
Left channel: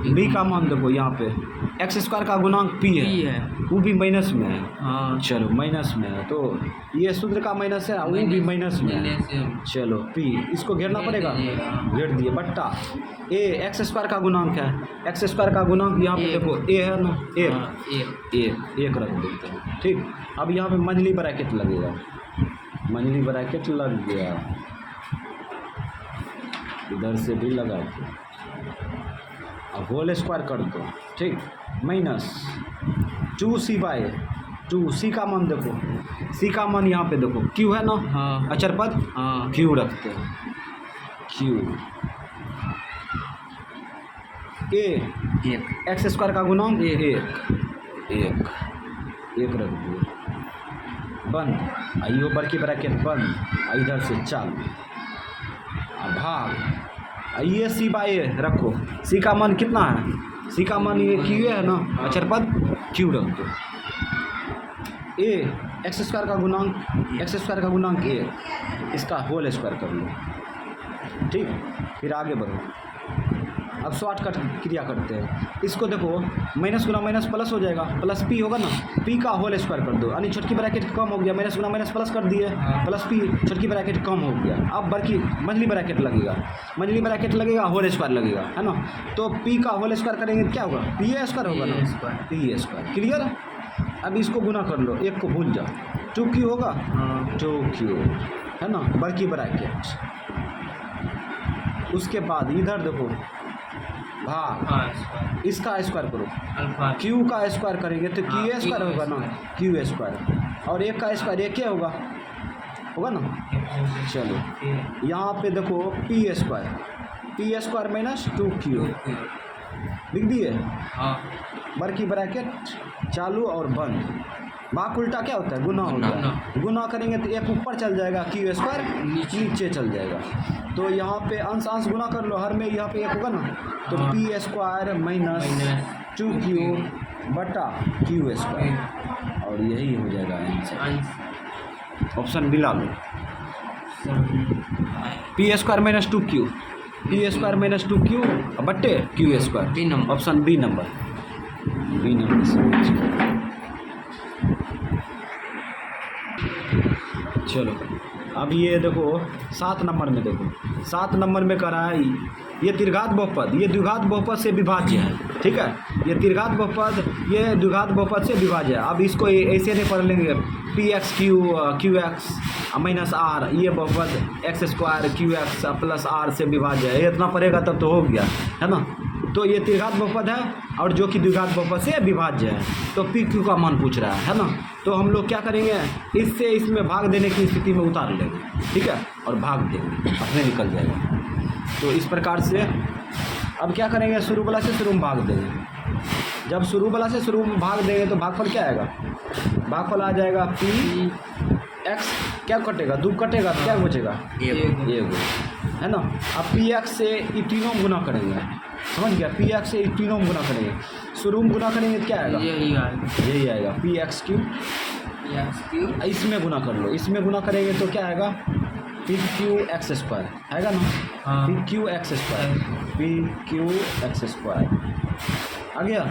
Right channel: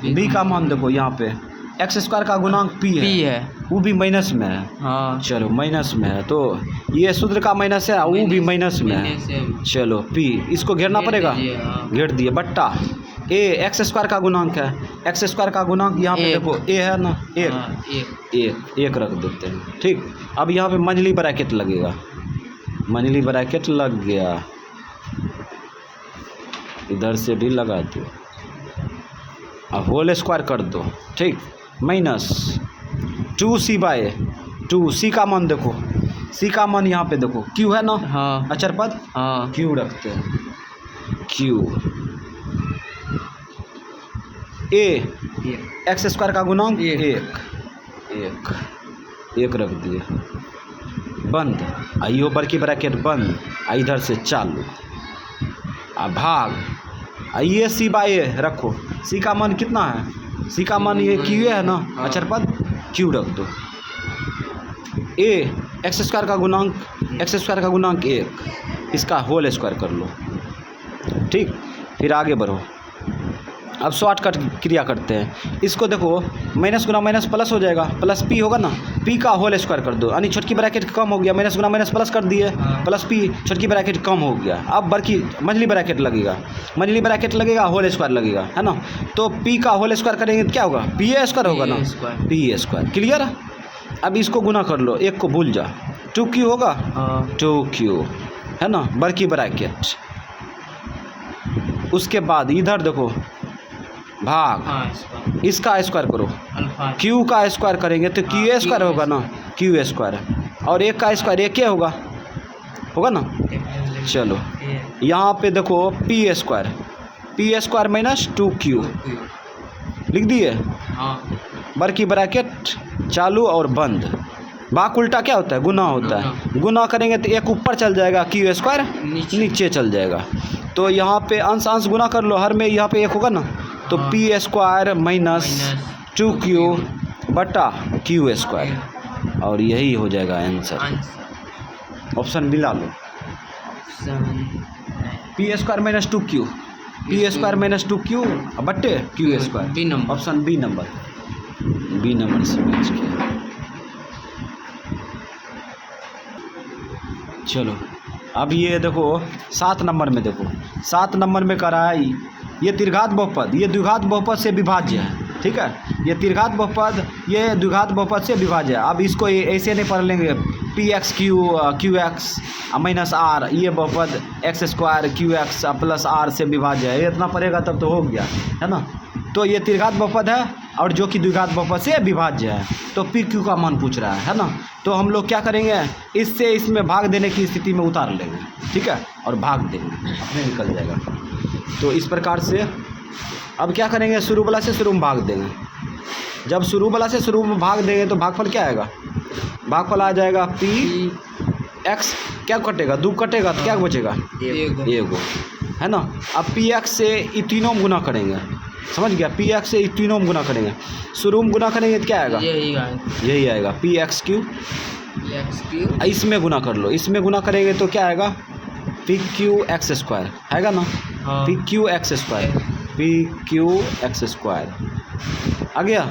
b का मान देखो, यहाँ पे x² का गुणांक p है, वो भी माइनस में है, हाँ। चलो माइनस में है तो ये सूत्र का माइनस है, वो भी माइनस में है, चलो p इसको घेरना पड़ेगा, घेर दिए बट्टा a x² का गुणांक है, x² का गुणांक यहाँ पे देखो a है ना, एक रख देते हैं, ठीक। अब यहाँ पे मंझली ब्रैकेट लगेगा, मंझली ब्रैकेट लग गया, इधर से भी लगा दो, अब होल स्क्वायर कर दो, ठीक, माइनस 2c/a, 2c का मान देखो, c का मान यहाँ पे देखो q है ना, हाँ। अचर पद, हाँ। q रखते हैं, q a x² का गुणांक एक रख दिए बंद, आइयो बड़की ब्रैकेट बंद, इधर से चालू, भाग ये c/a रखो, c का मान कितना है, c का मान ये q है ना, अचर पद q रख दो, a x² का गुणांक 1, इसका होल स्क्वायर कर लो, ठीक। फिर आगे बढ़ो, अब शॉर्टकट क्रिया करते हैं, इसको देखो माइनस गुना माइनस प्लस हो जाएगा, प्लस p होगा ना, p का होल स्क्वायर कर दो, यानी छोटकी ब्रैकेट कम हो गया, माइनस गुना माइनस प्लस कर दिए, प्लस p छोटकी ब्रैकेट कम हो गया, अब बड़की मंझली ब्रैकेट लगेगा, होल स्क्वायर लगेगा, है ना। तो p का होल स्क्वायर करेंगे तो क्या होगा, p² होगा ना, p², क्लियर। अब इसको गुना कर लो, एक को भूल जा, 2q होगा, 2q है ना, बड़की ब्रैकेट। उसके बाद इधर देखो भाग, इसका स्क्वायर करो, q का स्क्वायर करेंगे तो q² होगा ना, q², और एक का स्क्वायर एक होगा ना। चलो यहाँ पे देखो p² P square minus 2Q लिख दिए। हाँ बर की ब्रैकेट चालू और बंद। भाग उल्टा क्या होता है? गुना होता है। गुना करेंगे तो एक ऊपर चल जाएगा, Q स्क्वायर नीचे चल जाएगा। तो यहाँ पे अंश अंश गुना कर लो, हर में यहाँ पे एक होगा ना, तो हाँ। पी स्क्वायर माइनस 2Q बटा Q स्क्वायर, और यही हो जाएगा आंसर। ऑप्शन बी ला लो, p square minus 2Q, p square minus 2Q बट्टे Q b square. Number. Option B number, B number से मैच किया। चलो अब ये देखो 7 नंबर में, देखो 7 नंबर में कह रहा है ये त्रिघात बहुपद, ये द्विघात बहुपद से विभाज्य है, ठीक है। ये त्रिघात बहुपद, ये द्विघात बहुपद से विभाज्य है। अब इसको ऐसे नहीं पढ़ लेंगे, P X Q X minus R, ये बहुपद X square Q X plus R से विभाज्य है, ये इतना पढ़ेगा तब तो हो गया, है ना। तो ये त्रिघात बहुपद है और जो कि द्विघात बहुपद से विभाज्य है, तो पी क्यू का मान पूछ रहा है ना। तो हम लोग क्या करेंगे, इससे इसमें भाग देने की स्थिति में उतार लेंगे, ठीक है, और भाग देंगे, अपने निकल जाएगा। तो इस प्रकार से अब क्या करेंगे, शुरू वाला से शुरू में भाग देंगे। जब शुरू वाला से शुरू में भाग देंगे तो भागफल क्या आएगा, भागफल आ जाएगा पी एक्स, क्या कटेगा, 2 कटेगा तो क्या बचेगा, एगो, है ना। अब पी एक्स से ई तीनों में गुना करेंगे, समझ गया, पी एक्स से ई तीनों में गुना करेंगे, शुरू में गुना करेंगे तो क्या आएगा, यही आएगा पी एक्स क्यू। इसमें गुना कर लो, इसमें गुना करेंगे तो क्या आएगा, पी क्यू एक्स स्क्वायर, हैगा ना, p q x square, p q x square आ गया।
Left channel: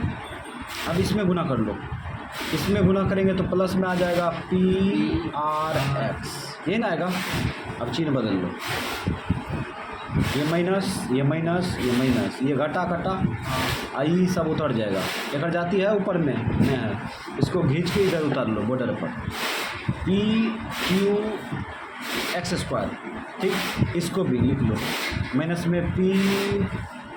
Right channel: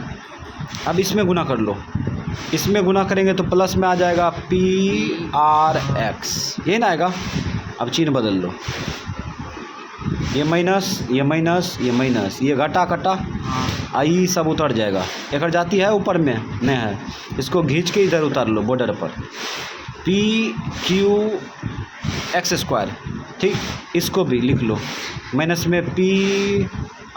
अब इसमें गुना कर लो, इसमें गुना करेंगे तो प्लस में आ जाएगा पी आर एक्स, ये ना आएगा। अब चिन्ह बदल लो, ये माइनस, ये माइनस, ये माइनस, ये घटा कटा आई सब उतर जाएगा। एक जाती है ऊपर में नहीं है, इसको खींच के इधर उतार लो बॉर्डर पर, पी क्यू एक्स स्क्वायर, ठीक, इसको भी लिख लो माइनस में पी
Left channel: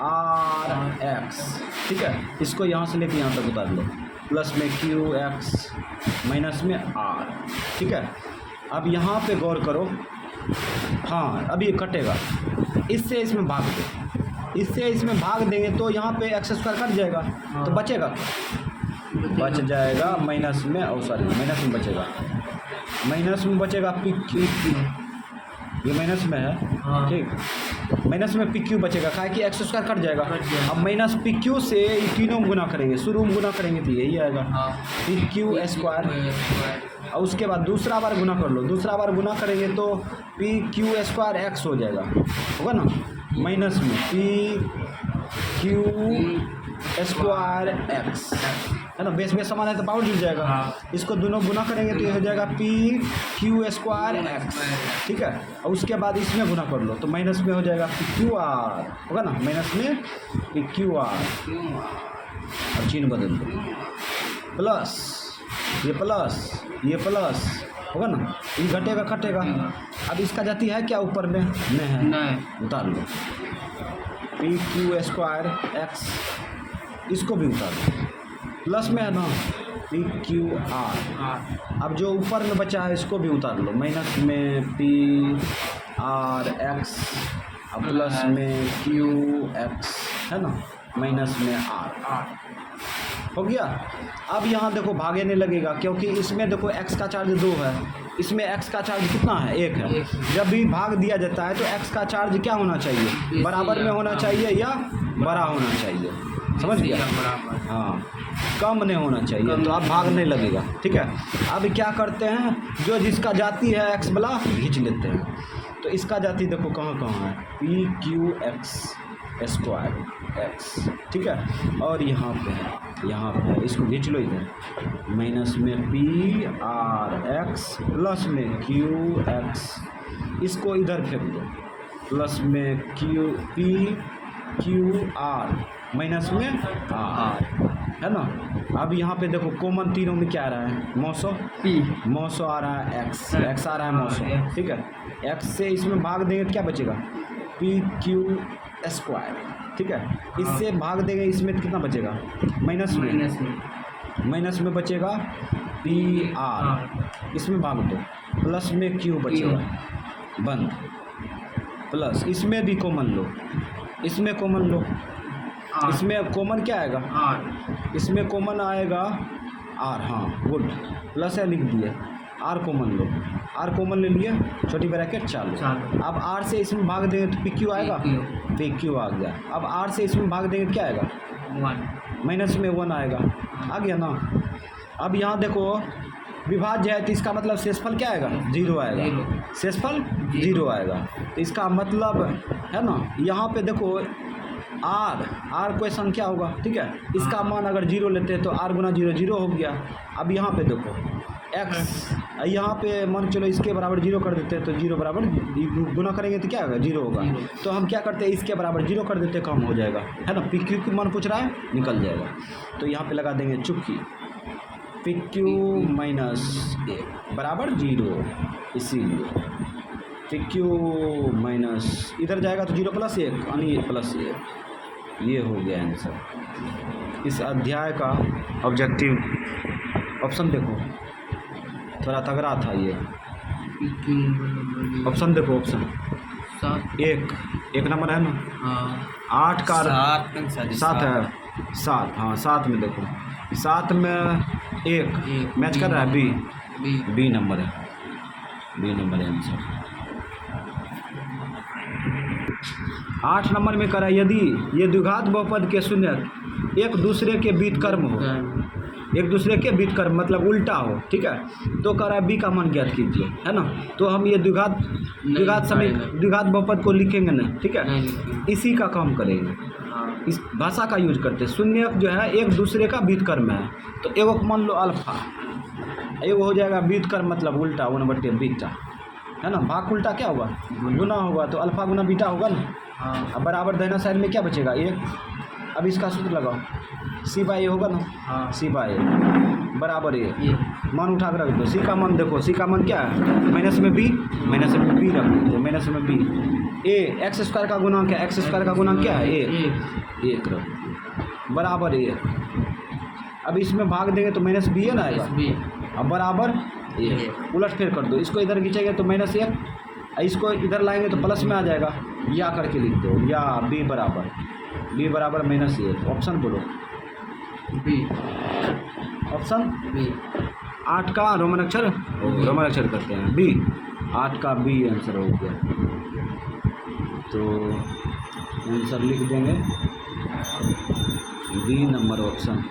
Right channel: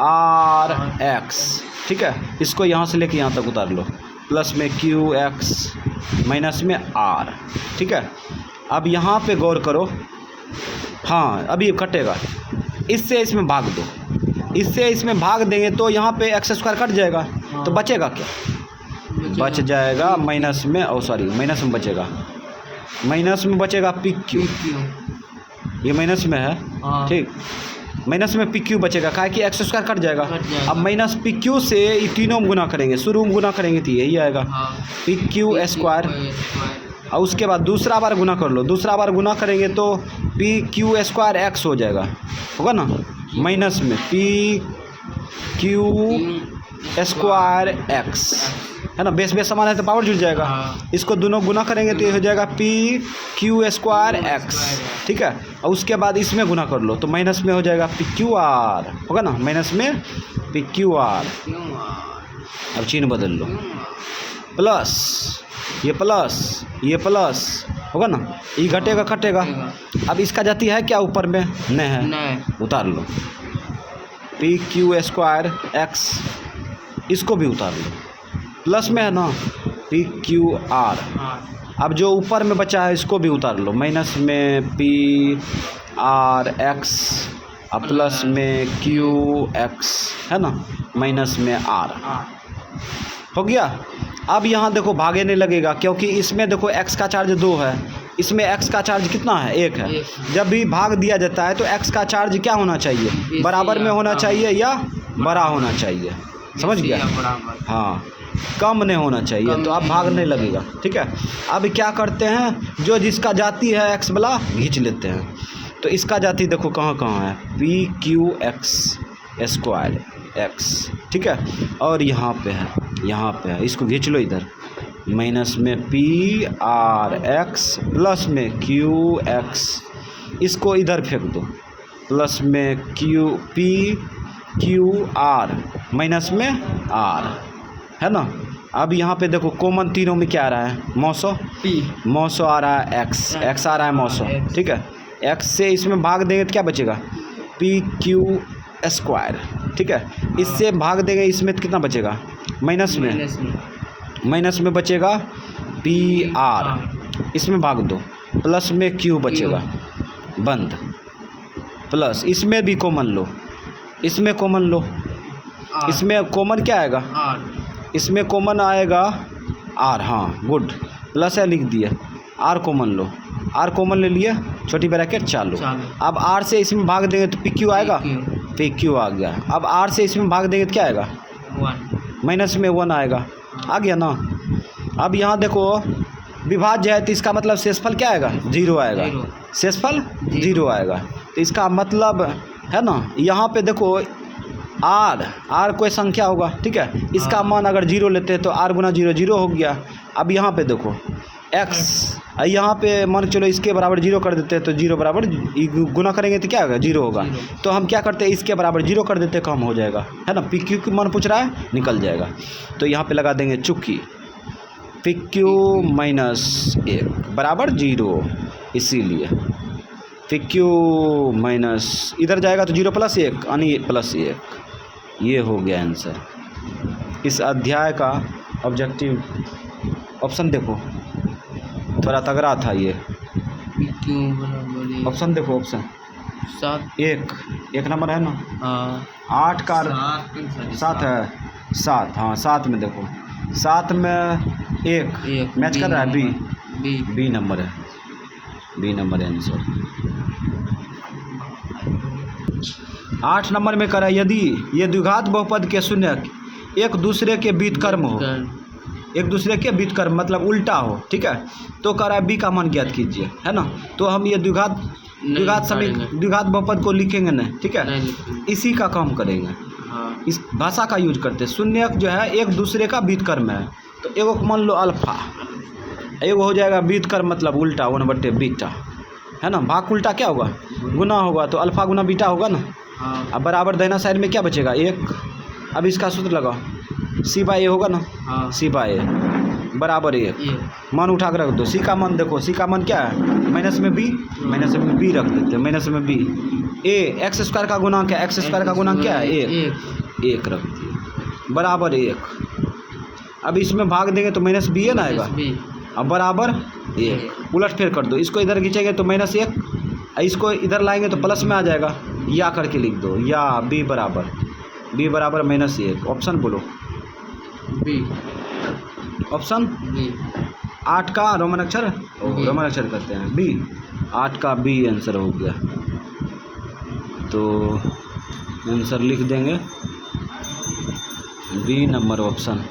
आर एक्स, ठीक है, इसको यहाँ से लेके यहाँ तक उतार लो, प्लस में क्यू एक्स माइनस में आर, ठीक है। अब यहाँ पे गौर करो, हाँ अब ये कटेगा, इससे इसमें भाग दो, इससे इसमें भाग देंगे तो यहाँ पे एक्स स्क्वायर कट जाएगा, तो बचेगा क्या, बच जाएगा माइनस में, ओ सॉरी माइनस में बचेगा, माइनस में बचेगा पी क्यू, ये माइनस में है, ठीक, माइनस में पी क्यू बचेगा, क्या कि एक्स स्क्वायर कट जाएगा। अब माइनस पी क्यू से ये तीनों में गुना करेंगे, शुरू में गुना करेंगे तो यही आएगा पी क्यू स्क्वायर, और उसके बाद दूसरा बार गुना कर लो, दूसरा बार गुना करेंगे तो पी क्यू स्क्वायर एक्स हो जाएगा, होगा ना, माइनस में पी क्यू स्क्वायर एक्स, है ना, बेस बेस समान है तो पावर जुड़ जाएगा, इसको दोनों गुना करेंगे तो ये हो जाएगा पी क्यू स्क्वायर एक्स, ठीक है। और उसके बाद इसमें गुना कर लो तो माइनस में हो जाएगा पी क्यू आर, होगा ना, माइनस में पी क्यू आर। अब चिन्ह बदल लो, प्लस, ये प्लस, ये प्लस, होगा ना, ये घटेगा कटेगा। अब इसका जाती है क्या ऊपर में, नहीं है, उतार लो पी क्यू स्क्वायर एक्स, इसको भी उतार लो, प्लस में है ना पी क्यू आर। अब जो ऊपर में बचा है इसको भी उतार लो, माइनस में पी आर एक्स और प्लस में क्यू एक्स, है ना, माइनस में आर, हो गया। अब यहाँ देखो भागे नहीं लगेगा, क्योंकि इसमें देखो x का चार्ज 2 है, इसमें x का चार्ज कितना है, 1 है। जब भी भाग दिया जाता है तो x का चार्ज क्या होना चाहिए, बराबर में होना चाहिए या बड़ा होना चाहिए, समझ गया, हाँ, कम नहीं होना चाहिए, तो अब भाग नहीं लगेगा, ठीक है। अब क्या करते हैं, जो जिसका जाती है x वाला खींच लेते हैं, तो इसका जाती देखो कहाँ कहाँ है, P q x square x, ठीक है, और यहाँ पे है, यहाँ पे है, इसको खींच लो इधर, माइनस में पी आर एक्स प्लस में क्यू एक्स, इसको इधर फेंक दो, प्लस में Q P Q R minus में आर, है ना। अब यहाँ पे देखो कॉमन तीनों में क्या आ रहा है, मौसो पी, मौसो आ रहा है एक्स, एक्स आ रहा है मौसो, ठीक है, एक्स से इसमें भाग देंगे तो क्या बचेगा, पी क्यू स्क्वायर, ठीक है, इससे भाग देंगे इसमें तो कितना बचेगा, माइनस में बचेगा पी आर, इसमें भाग दो, प्लस में क्यू बचेगा, बंद, प्लस इसमें भी कॉमन लो, इसमें कॉमन लो, आर इसमें कॉमन क्या आएगा, आर इसमें कॉमन आएगा आर, हाँ गुड, प्लस है लिख दिए, आर कॉमन लो, आर कॉमन ले लिए, छोटी ब्रैकेट चालू। चालू। अब आर से इसमें भाग देंगे तो पी क्यू आएगा, PQ पी क्यू आ गया। अब आर से इसमें भाग देंगे तो क्या आएगा, 1 माइनस में 1 आएगा, आ गया ना। अब यहाँ देखो विभाज्य है तो इसका मतलब शेषफल क्या आएगा, 0 आएगा, जीरो। शेषफल जीरो। 0 आएगा। तो इसका मतलब है ना, यहाँ पे देखो आर कोई संख्या होगा, ठीक है, इसका मान अगर 0 लेते हैं तो आर गुना 0 0 हो गया। अब यहाँ पे देखो एक्स, यहाँ पे मान के चलो इसके बराबर 0 कर देते हैं तो 0 बराबर गुना करेंगे तो क्या होगा, 0 होगा। जीरो। तो हम क्या करते हैं, इसके बराबर 0 कर देते हैं, कम हो जाएगा, है ना, पी क्यू की मान पूछ रहा है, निकल जाएगा। तो यहाँ पे लगा देंगे चुकी पी क्यू माइनस 1 बराबर 0, इसीलिए पी क्यू माइनस इधर जाएगा तो 0 प्लस 1 यानी प्लस 1, ये हो गया आंसर। इस अध्याय का ऑब्जेक्टिव ऑप्शन देखो, थोड़ा तगड़ा था ये PQ बराबर ऑप्शन, देखो ऑप्शन 7 एक नंबर है ना, 8 का 7 है, 7, हाँ 7 में देखो, 7 में 1 मैच कर रहा है, बी नंबर है, बी नंबर है आंसर। 8 नंबर में करा, यदि ये द्विघात बहुपद के शून्य एक दूसरे के व्युत्क्रम हो, एक दूसरे के व्युत्क्रम मतलब उल्टा हो, ठीक है, तो कह रहा है बी का मान ज्ञात कीजिए, है ना। तो हम ये द्विघात समीकरण द्विघात बहुपद को लिखेंगे नहीं, ठीक है, इसी का काम करेंगे, इस भाषा का यूज करते हैं। शून्य जो है एक दूसरे का व्युत्क्रम है, तो एगो मान लो अल्फा, एगो हो जाएगा व्युत्क्रम मतलब उल्टा 1/बीटा, है ना, भाग उल्टा क्या होगा, गुना होगा, तो अल्फा गुना बीटा होगा ना। अब बराबर दाहिना साइड में क्या बचेगा, 1। अब इसका सूत्र लगाओ, सी बाई ए होगा ना, सी बाई ए बराबर 1, मान उठा कर रख दो, सी का मान देखो, सी का मान क्या है, माइनस में बी रख देते हैं, माइनस में बी, ए एक्स स्क्वायर का गुणांक है, एक्स स्क्वायर का गुणांक क्या है, 1 रख दिए बराबर 1। अब इसमें भाग देंगे तो माइनस बी है ना आएगा, अब बराबर 1, उलट फेर कर दो, इसको इधर खींचेंगे तो -1, इसको इधर लाएंगे तो प्लस में आ जाएगा, या करके लिख दो, या बी बराबर -1। ऑप्शन बोलो, बी ऑप्शन बी 8 का रोमन अक्षर, रोमन अक्षर करते हैं बी, 8 का बी आंसर हो गया। तो आंसर लिख देंगे बी नंबर ऑप्शन।